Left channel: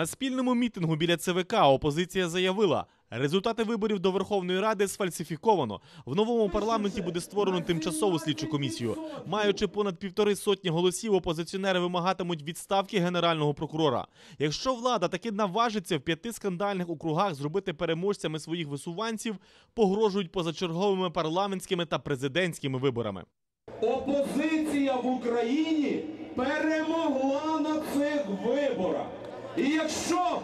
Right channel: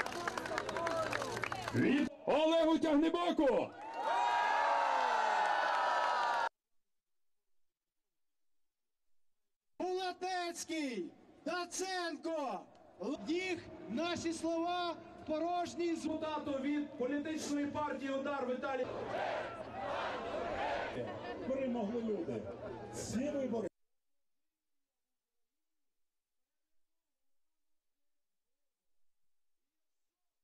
На спільному мітингу біля ЦВК опозиція заявила, результати виборів до Верховної Ради сфальсифіковано. В новому парламенті буде створено тимчасову слідчу комісію. Маючи понад півтори сотні голосів, опозиціонери вимагатимуть відставки генерального прокурора. Якщо влада таки наважиться в п'яти скандальних округах зробити переможцями своїх висуванців, погрожують позачерговими парламентськими та президентськими виборами. Опозиція в Україні перемогла на цих виборах. І якщо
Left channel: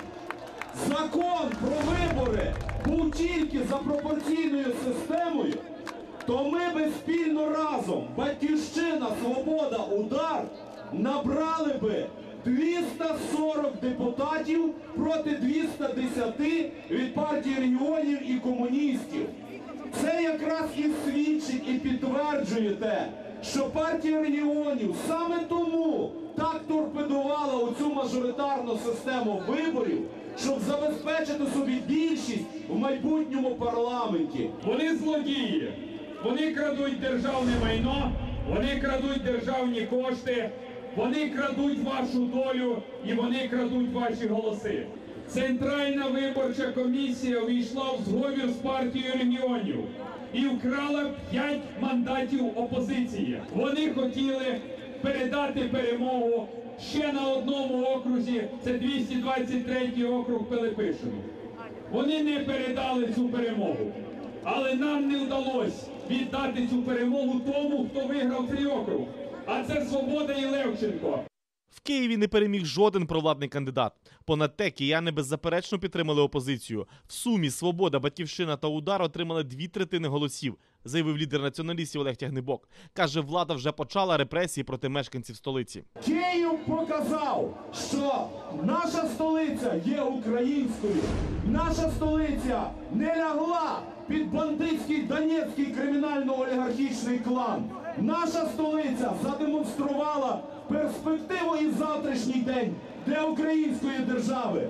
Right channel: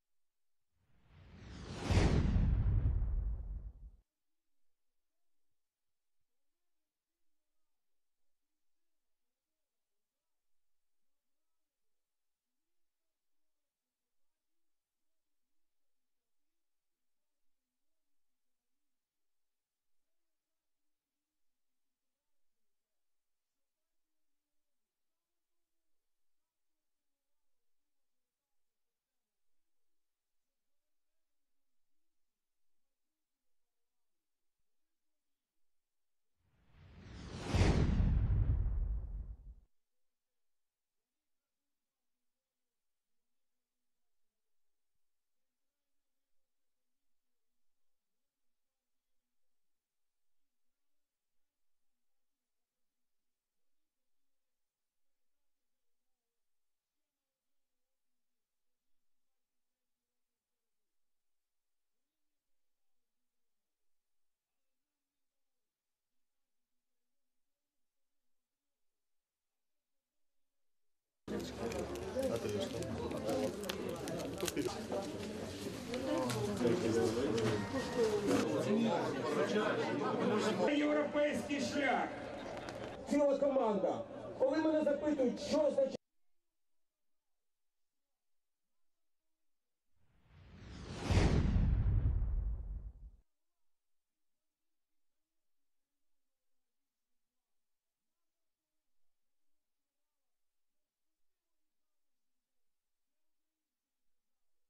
закон про вибори був тільки за пропорційною системою, то ми би спільно разом, Батьківщина, Свобода, Удар, набрали би 240 депутатів проти 210 від партії регіонів і комуністів. Це якраз і свідчить і підтверджує те, що партія регіонів саме тому так торпедувала оцю мажоритарну систему виборів, щоб забезпечити собі більшість в майбутньому парламенті. Вони злодії, вони крадуть державне майно, вони крадуть державні кошти, вони крадуть вашу долю і вони крадуть ваші голоси. Центральна виборча комісія увійшла в зговір з партією регіонів і вкрала 5 мандатів опозиції. Вони хотіли передати перемогу ще на одному окрузі, це 223 округ Пилипишину. Вони не передали цю перемогу. Але нам не вдалося віддати цю перемогу тому, хто виграв цей округ. А це Свобода і Левченко. В Києві не переміг жоден провладний кандидат. Понад те, кияни беззаперечно підтримали опозицію. В сумі Свобода, Батьківщина та Удар отримали дві третини голосів, заявив лідер націоналістів Олег Тягнебок. Каже, влада вже почала репресії проти мешканців столиці. Київ показав, що наша столиця є українською. Наша столиця не лягла під бандитський донецький кримінально-олігархічний клан. Наша столиця задемонструвала перспективу і завтрашній день для української держави.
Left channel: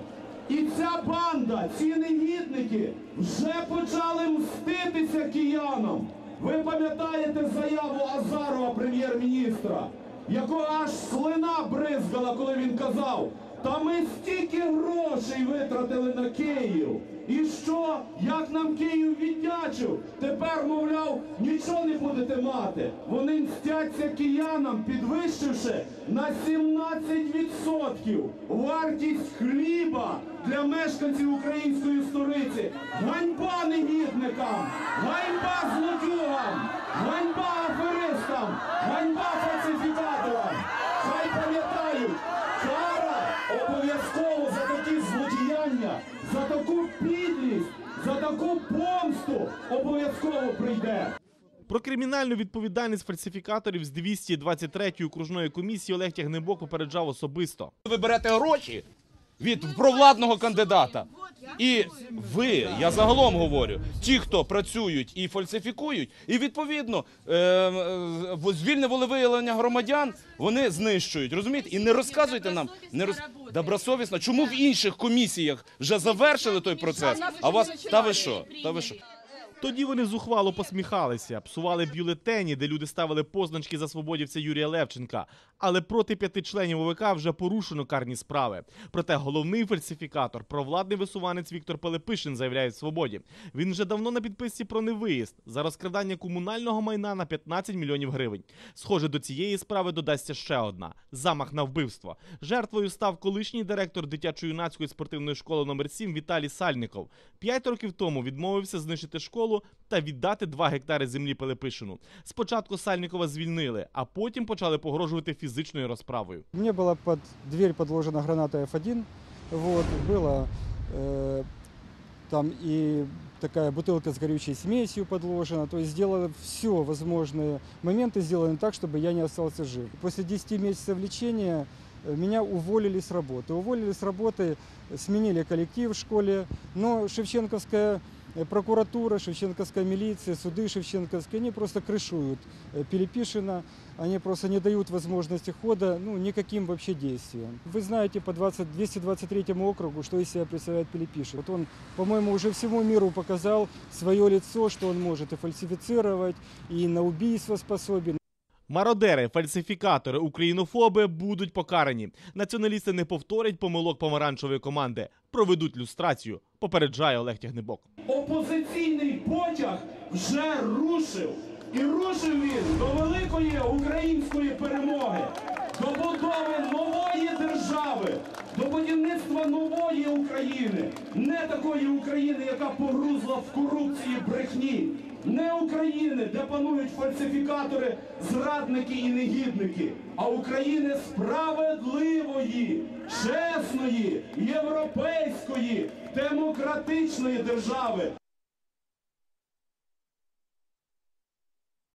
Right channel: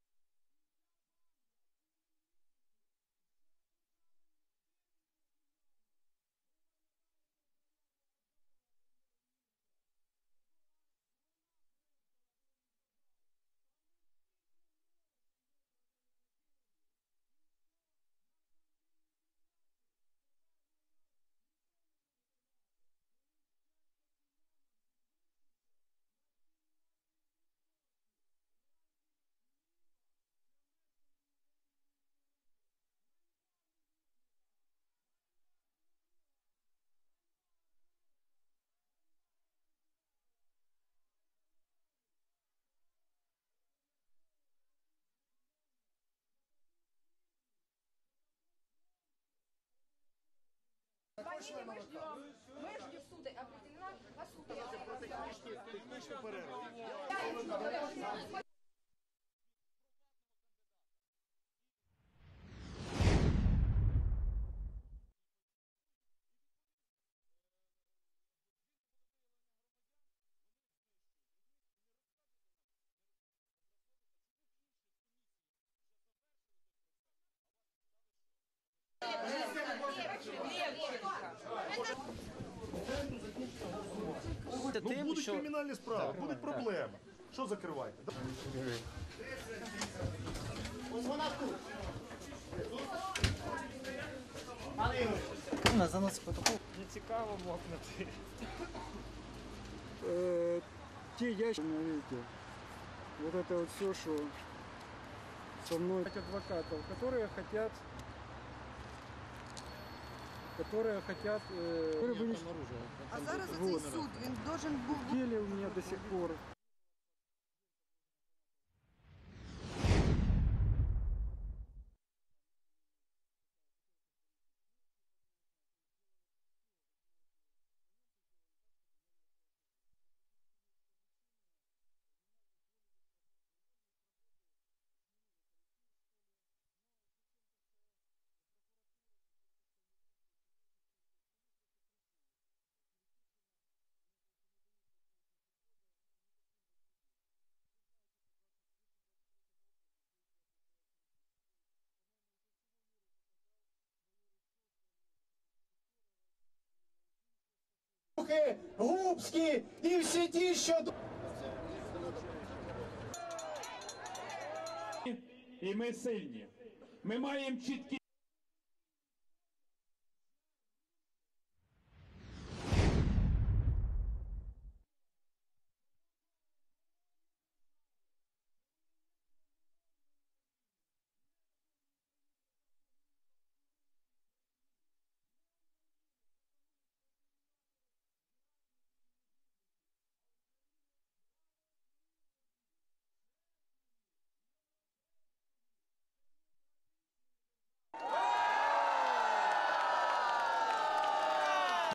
І ця банда, ці негідники вже почали мститися киянам. Ви пам'ятаєте заяву Азарова, прем'єр-міністра, якого аж слина бризгала, коли він казав, та ми стільки грошей витратили на Київ. І що? Як нам Київ віддячив? Тепер, мовляв, нічого не будете мати. Вони мстяться киянам, підвищивши на 17% вартість хліба для мешканців української столиці. Ганьба негідникам! Ганьба злодюгам! Ганьба аферистам! Ганьба фальсифікаторам! Обов'язково за такі злодіяння, за таку підлість, за таку помсту обов'язково прийде. Про кримінальну відповідальність фальсифікаторів з 223-ї окружної комісії Олег Тягнебок попереджав особисто. ви берете гроші від провладного кандидата. І ви, я загалом говорю, ті, хто працюють і фальсифікують, і відповідно е, е, звільне волевиявлення громадян вони знищують. Розумієте? І не розказуйте нам не роз... добросовісно, чому в інших комісіях вже завершили той процес, а вас та ви що? Та ви що? Тоді вони зухвало посміхалися, псували бюлетені, де люди ставили позначки за свободівця Юрія Левченка. Але проти п'яти членів ОВК вже порушено карні справи. Проте головний фальсифікатор, провладний висуванець Віктор Пилипишин, заявляє свободі. Він вже давно на підписці про невиїзд за розказання комунального майна на 15 мільйонів гривень. Схоже, до цієї справи додасться ще одна замах на вбивство. Жертвою став колишній директор дитячо-юнацької спортивної школи номер 7 Віталій Сальников. П'ять років тому відмовився знищити школу та віддати 2 гектари землі Пилипишину. Спочатку Сальникова звільнили, а потім почали погрожувати фізичною розправою. Мне была под дверь подложена граната F1, вот, было э, там и такая бутылка с горючей смесью подложена, то есть сделали все возможные моменты сделаны так, чтобы я не остался жив. После 10 месяцев лечения э, меня уволили с работы. Уволили с работы, сменили коллектив в школе, но Шевченковская э, прокуратура, Шевченковская милиция, суды Шевченковские, они просто крышуют э, Пилипишина. они просто не дают возможности хода ну, никаким вообще действиям. Вы знаете по 20, 223 округу, что из себя представляет Пилипишев. Вот он, по-моему, уже всему миру показал свое лицо, что он может и фальсифицировать, и на убийство способен. Мародери, фальсифікатори, українофоби будуть покарані. Націоналісти не повторять помилок помаранчевої команди, проведуть люстрацію. Попереджає Олег Тягнебок. Опозиційний потяг вже рушив. І рушив він до великої української перемоги, до будови нової держави, до будівництва нової України, не такої України, яка погрузла в корупції брехні, не України, де панують фальсифікатори, зрадники і негідники, а України справедливої, чесної, європейської, демократичної держави.